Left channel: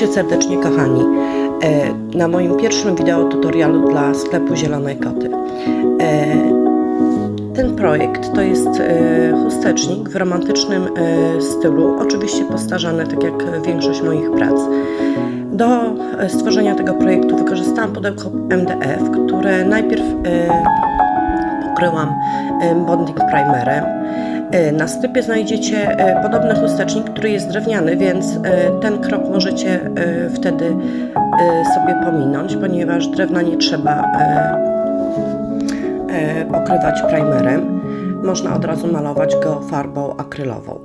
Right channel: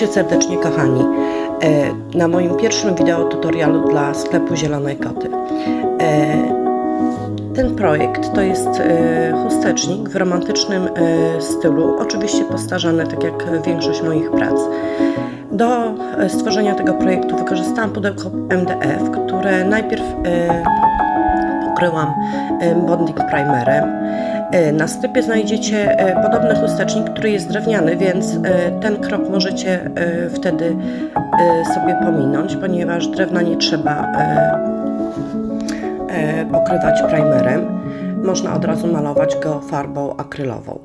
Witajcie serdecznie kochani e, na moim pierwszym wideo tutorialu dla sklepu Zielone Koty. E, ten projekt to jest e, chustecznik w romantycznym stylu, oczywiście postarzany tak jak większość moich prac. Do stworzenia tego projektu wykorzystałam pudełko MDF, które najpierw pokryłam bonding primerem. E, na sklepie znajdziecie e, podobny chustecznik, który jest drewniany, więc e, ten krok możecie wtedy sobie pominąć, ponieważ drewna nie trzeba pokrywać primerem. Można od razu malować go farbą akrylową.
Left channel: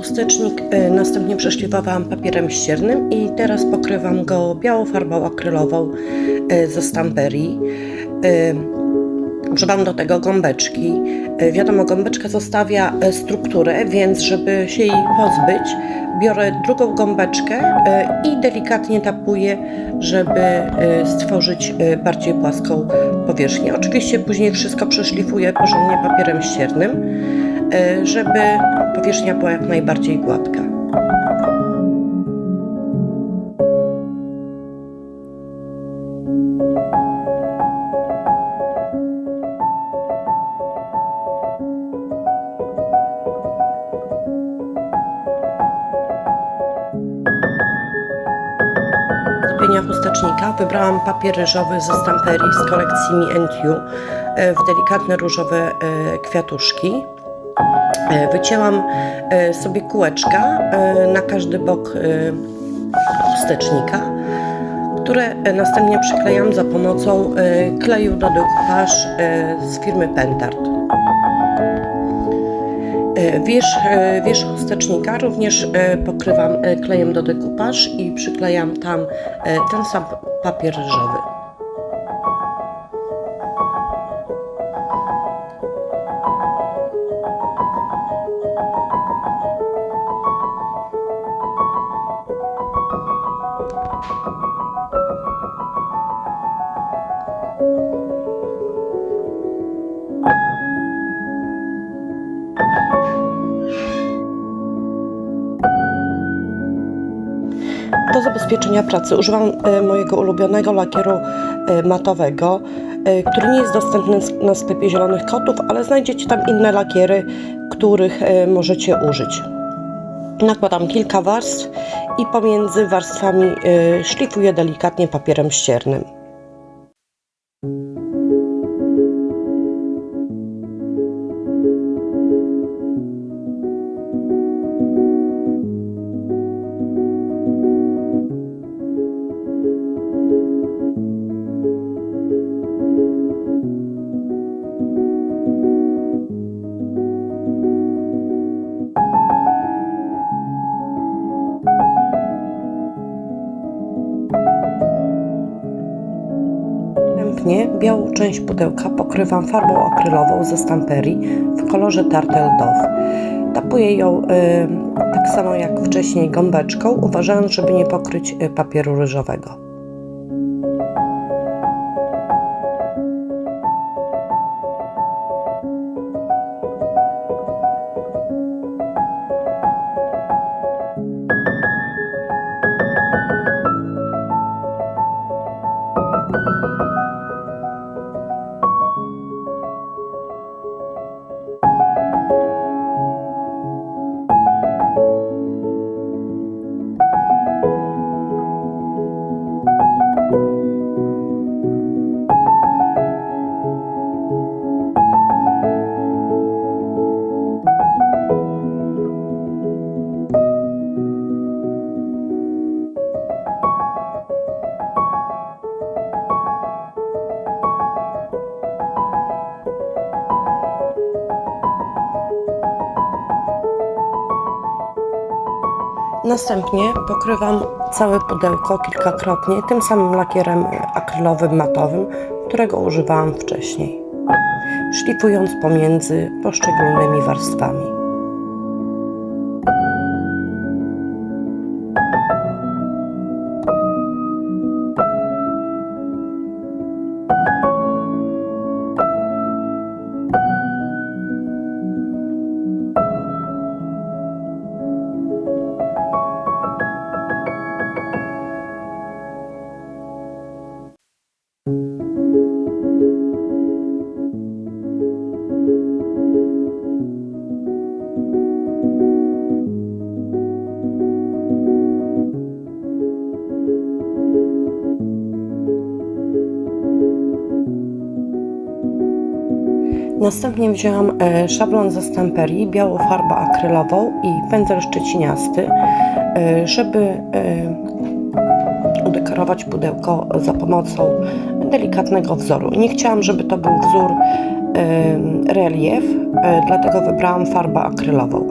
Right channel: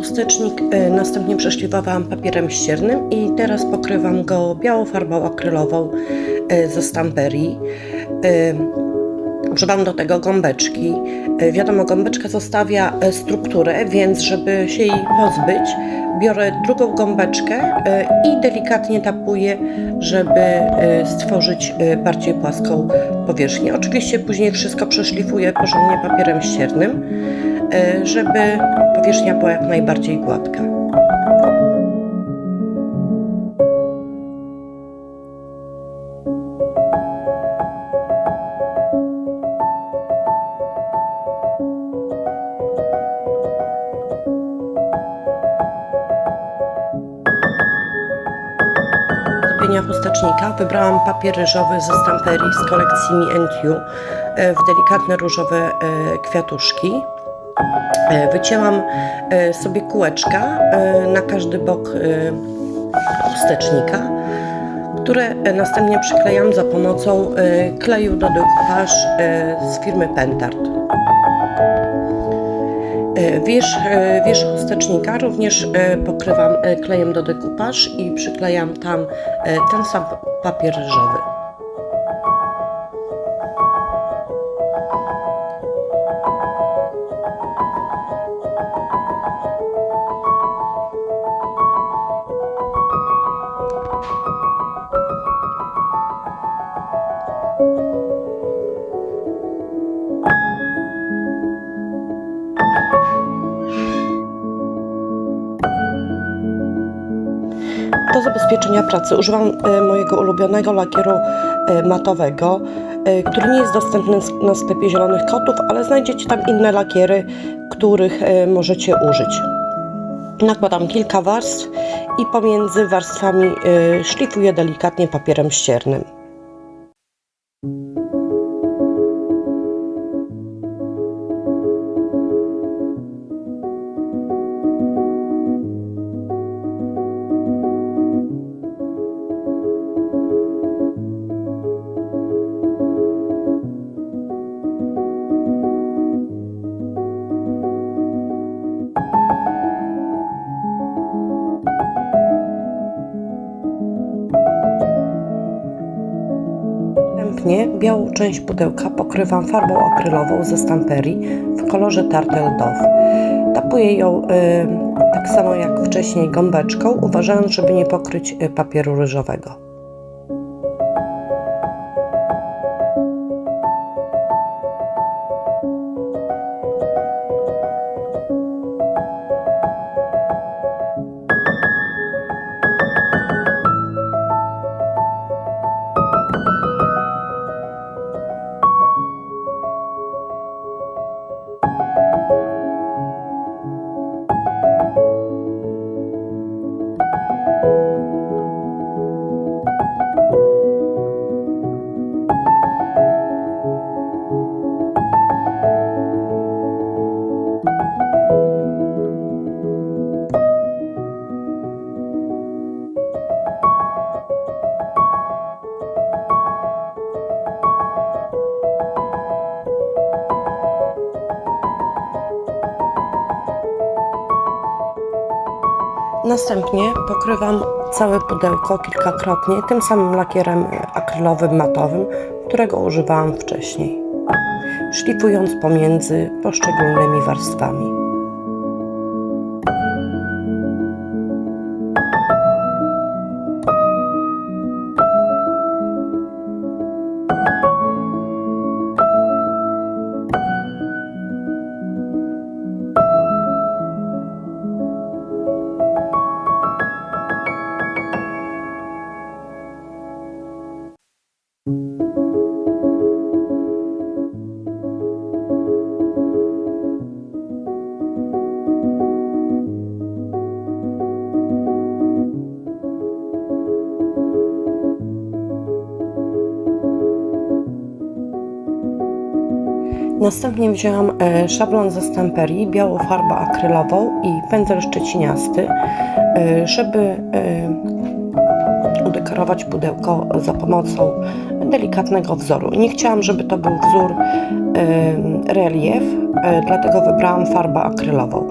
Chustecznik y, następnie przeszlifowałam papierem ściernym i teraz pokrywam go białą farbą akrylową y, ze Stamperii. Używam do tego gąbeczki. Wiadomo, gąbeczka zostawia strukturę, więc żeby się jej pozbyć, biorę drugą gąbeczkę i delikatnie tapuję, żeby stworzyć bardziej płaską powierzchnię. Oczywiście później wszystko przeszlifuję porządnie papierem ściernym. E, żeby powierzchnia była jak najbardziej gładka. chustecznika wybrałam papier ryżowy ze stamperii z kolekcji Mi e, w delikatne różowe e, kwiatuszki. E, wycięłam e, sobie kółeczka e, na każdy bok chustecznika, które następnie przyklejam za pomocą kleju do decoupage z firmy Pentard. Wierzch, wierzch chustecznika również pokrywam klejem do decoupage i przyklejam tam ten sam papier ryżowy. Do zabezpieczenia pracy używam e, mojego ulubionego lakieru e, matowego, e, który nie jest dostępny na sklepie Zielonych Kotów, ale znajdziecie tam inne lakiery, których możecie użyć. Nakładam kilka warstw i pomiędzy warstwami szlifuję delikatnie papierem ściernym. Następnie białą część pudełka pokrywam farbą akrylową ze stamperii w kolorze Turtle Dove. Tapuję ją y, tak samo jak wcześniej gąbeczką, uważając, żeby nie pokryć y, papieru ryżowego. Następnie pokrywam całe pudełko kilkakrotnie tym samym lakierem akrylowym matowym, którego używałam wcześniej, szlifując pomiędzy poszczególnymi warstwami. Następnie wzięłam e, szablon ze stamperii, białą farbę akrylową i pędzel szczeciniasty, e, żeby e, udekorować pudełko za pomocą delikatnego wzoru. Nie chciałam, żeby to był wzór relief, dlatego wybrałam farbę akrylową.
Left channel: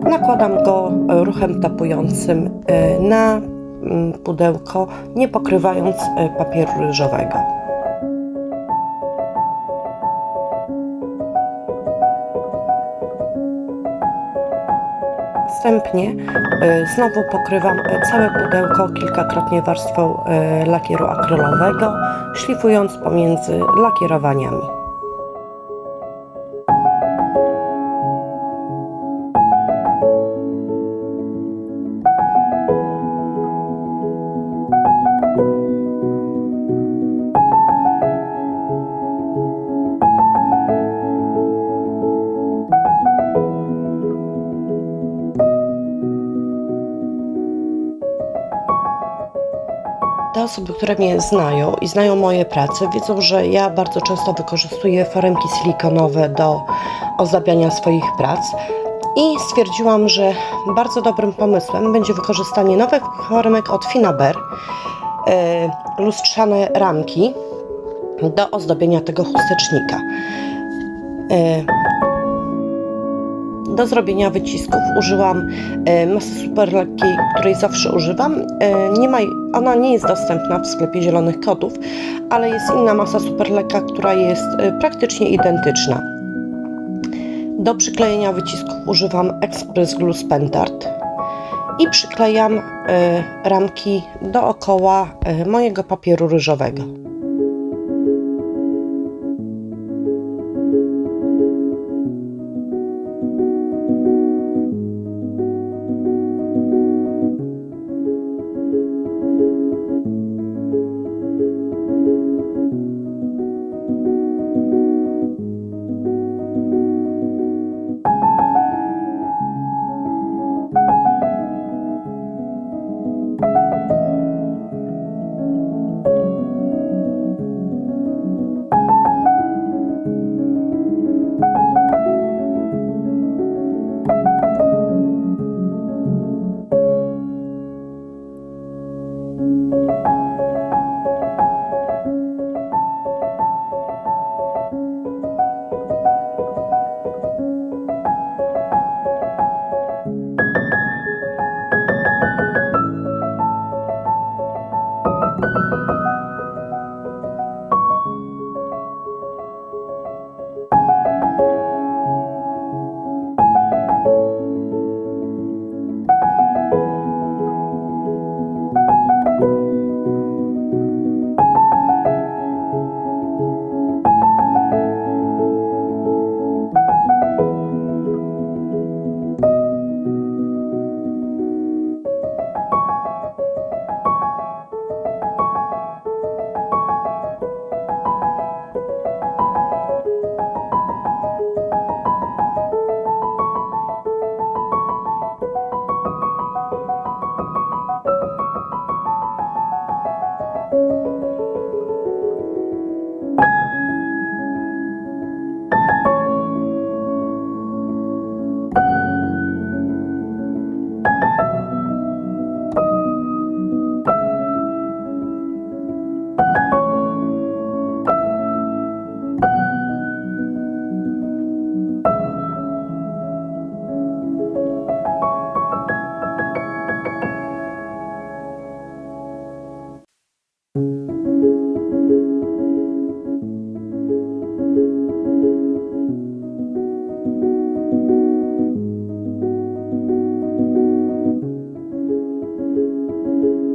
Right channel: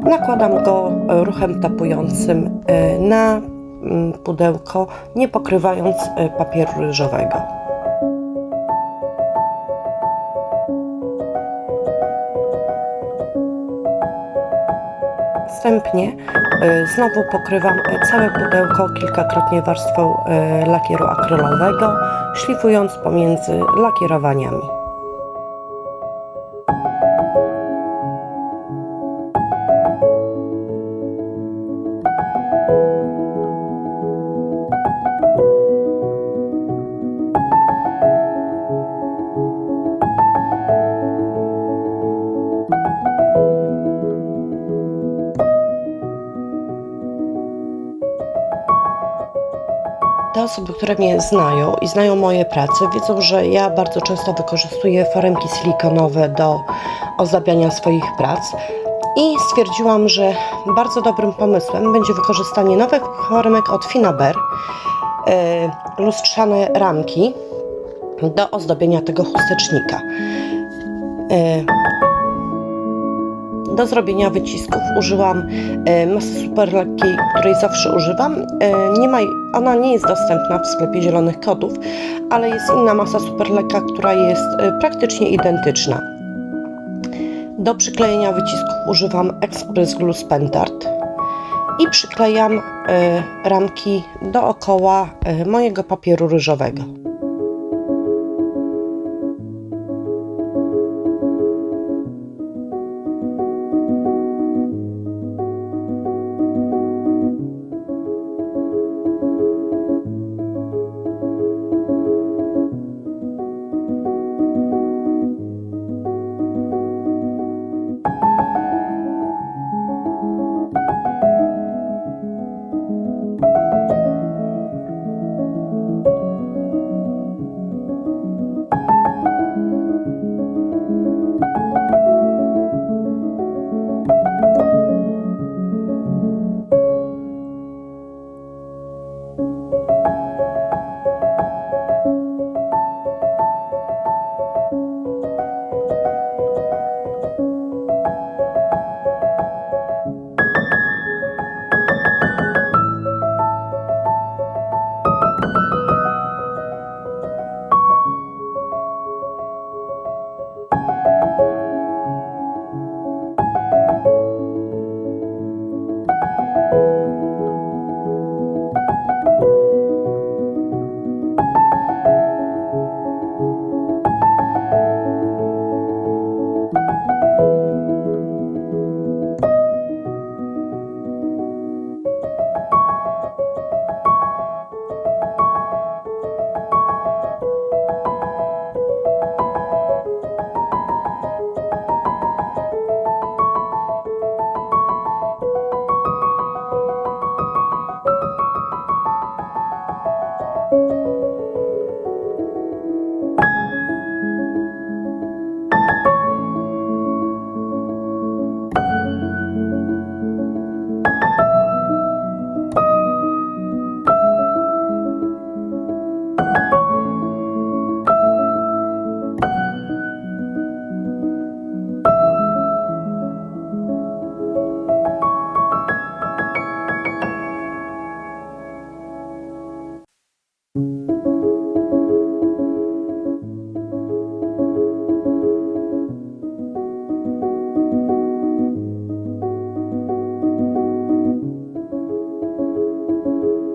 Nakładam go ruchem tapującym na mm, pudełko, nie pokrywając papieru ryżowego. Następnie e, znowu pokrywam e, całe pudełko kilkakrotnie warstwą e, lakieru akrylowego, szlifując pomiędzy lakierowaniami. Osoby, które mnie znają i znają moje prace, wiedzą, że ja bardzo często wykorzystuję foremki silikonowe do ozdabiania swoich prac. I stwierdziłam, że bardzo dobrym pomysłem będzie wykorzystanie nowych foremek od Finaber, yy, lustrzane ramki do ozdobienia tego chustecznika. Do zrobienia wycisków użyłam e, masy super lekkiej, której zawsze używam. E, nie ma, ona nie jest dostępna w sklepie Zielonych Kotów, ale jest inna masa super lekka, która jest e, praktycznie identyczna. Do przyklejenia wycisków używam Express Glue Spentard i przyklejam ramki dookoła mojego papieru ryżowego.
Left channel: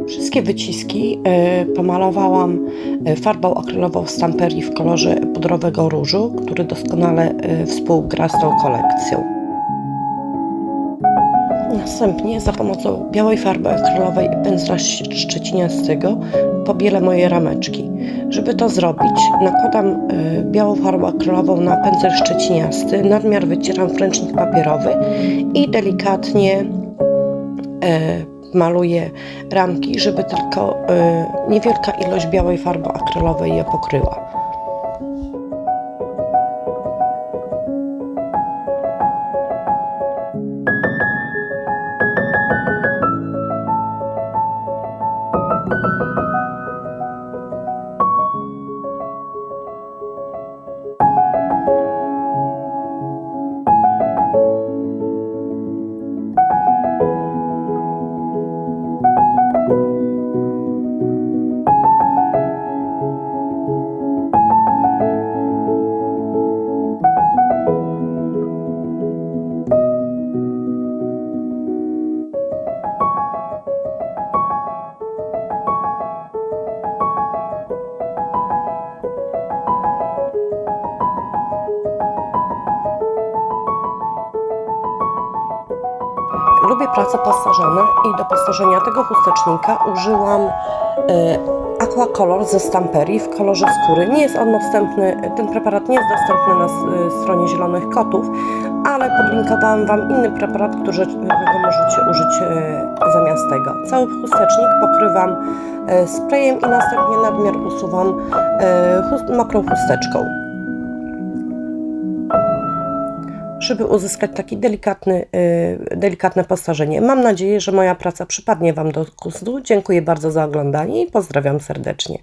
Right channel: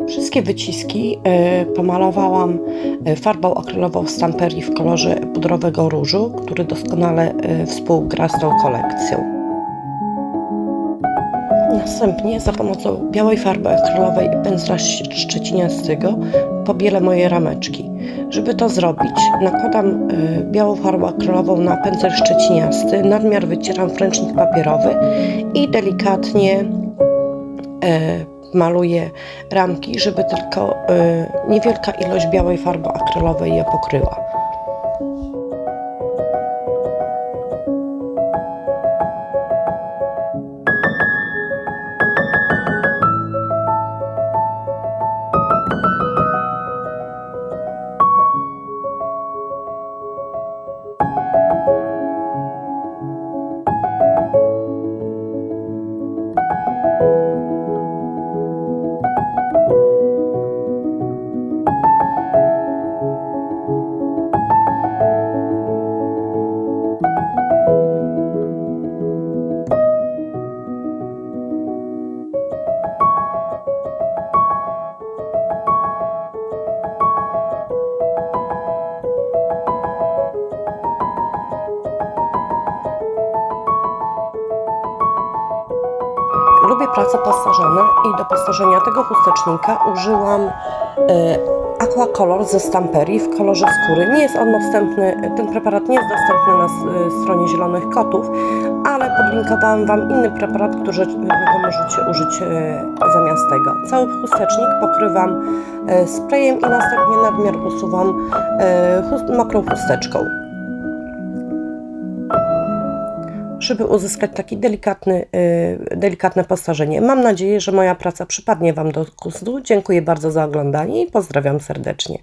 Wszystkie wyciski e, pomalowałam e, farbą akrylową Stamperii w kolorze pudrowego różu, który doskonale e, współgra z tą kolekcją. Następnie za pomocą białej farby akrylowej i pędzla szczeciniastego pobielę moje rameczki. Żeby to zrobić, nakładam białą farbę akrylową na pędzel szczeciniasty, nadmiar wycieram w ręcznik papierowy i delikatnie maluję ramki, żeby tylko e, niewielka ilość białej farby akrylowej je pokryła. Lubię prace pasażone i do pasażenia tego chustecznika użyłam e, Aquacolor ze Stamperii w kolorze skóry. Nie jest on dostępny, ten preparat nie jest dostępny na e, stronie Zielonych Kotów, ale podlinkowałam Wam inny preparat, który którego możecie użyć e, zamiast tego. Cały chustecznik pokrywam e, sprayem i następnie nadmiar usuwam e, chust- mokrą chusteczką żeby uzyskać taki delikatny, y, delikatne postarzenie. Mam nadzieję, że moja praca przypadnie Wam do gustu. Dziękuję bardzo za oglądanie i pozdrawiam serdecznie.